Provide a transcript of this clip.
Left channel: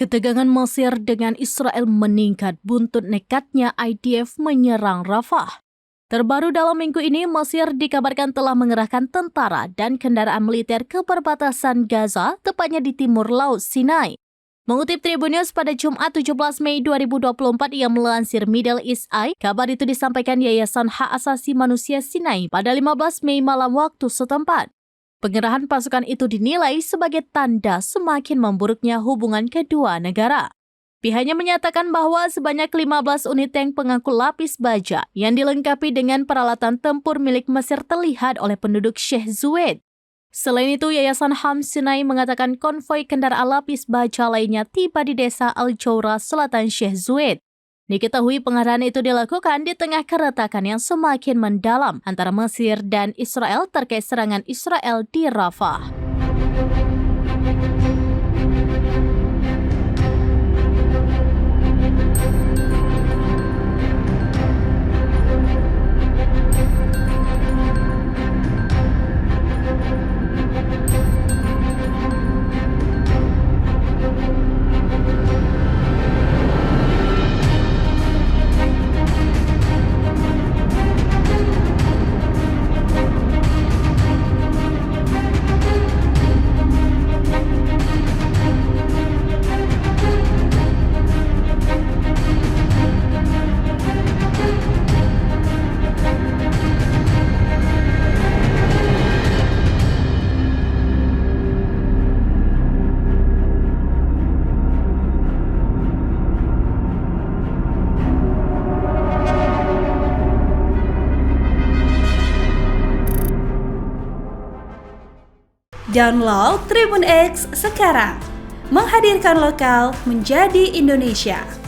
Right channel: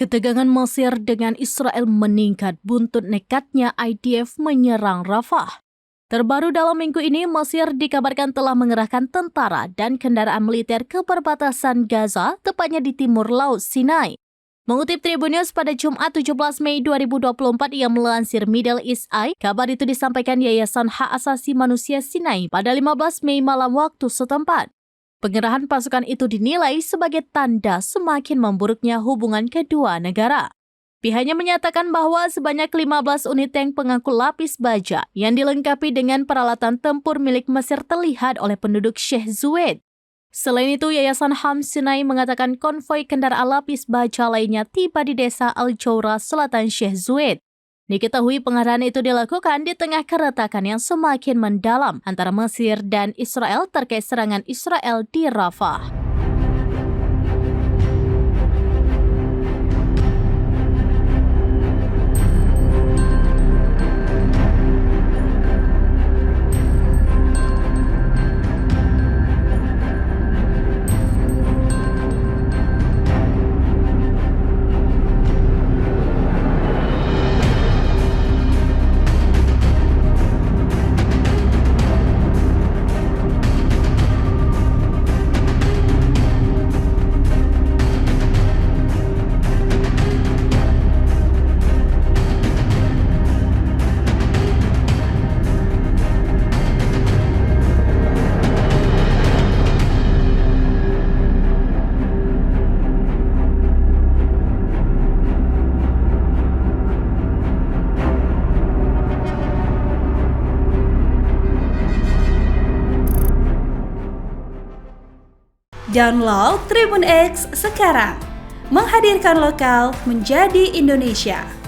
Ketegangan Mesir dengan Israel meningkat buntut nekatnya IDF menyerang Rafah. Terbaru dalam minggu ini, Mesir dikabarkan telah mengerahkan tentara dan kendaraan militer ke perbatasan Gaza, tepatnya di timur Laut Sinai. Mengutip Tribunnews pada Jumat 17 Mei 2024 yang melansir Middle East Eye, kabar itu disampaikan Yayasan Hak Asasi Manusia Sinai pada 15 Mei malam waktu setempat. Pengerahan pasukan itu dinilai sebagai tanda semakin memburuknya hubungan kedua negara. Pihaknya menyatakan bahwa sebanyak 15 unit tank pengangkut lapis baja yang dilengkapi dengan peralatan tempur milik Mesir terlihat oleh penduduk Sheikh Zayed. Selain itu, Yayasan HAM Sinai mengatakan konvoi kendaraan lapis baja lainnya tiba di desa Al-Jawra, selatan Sheikh Zayed. Diketahui pengerahan itu dilakukan di tengah keretakan yang semakin mendalam antara Mesir dan Israel terkait serangan Israel di Rafah. Download Tribun X sekarang, menghadirkan lokal menjadi Indonesia.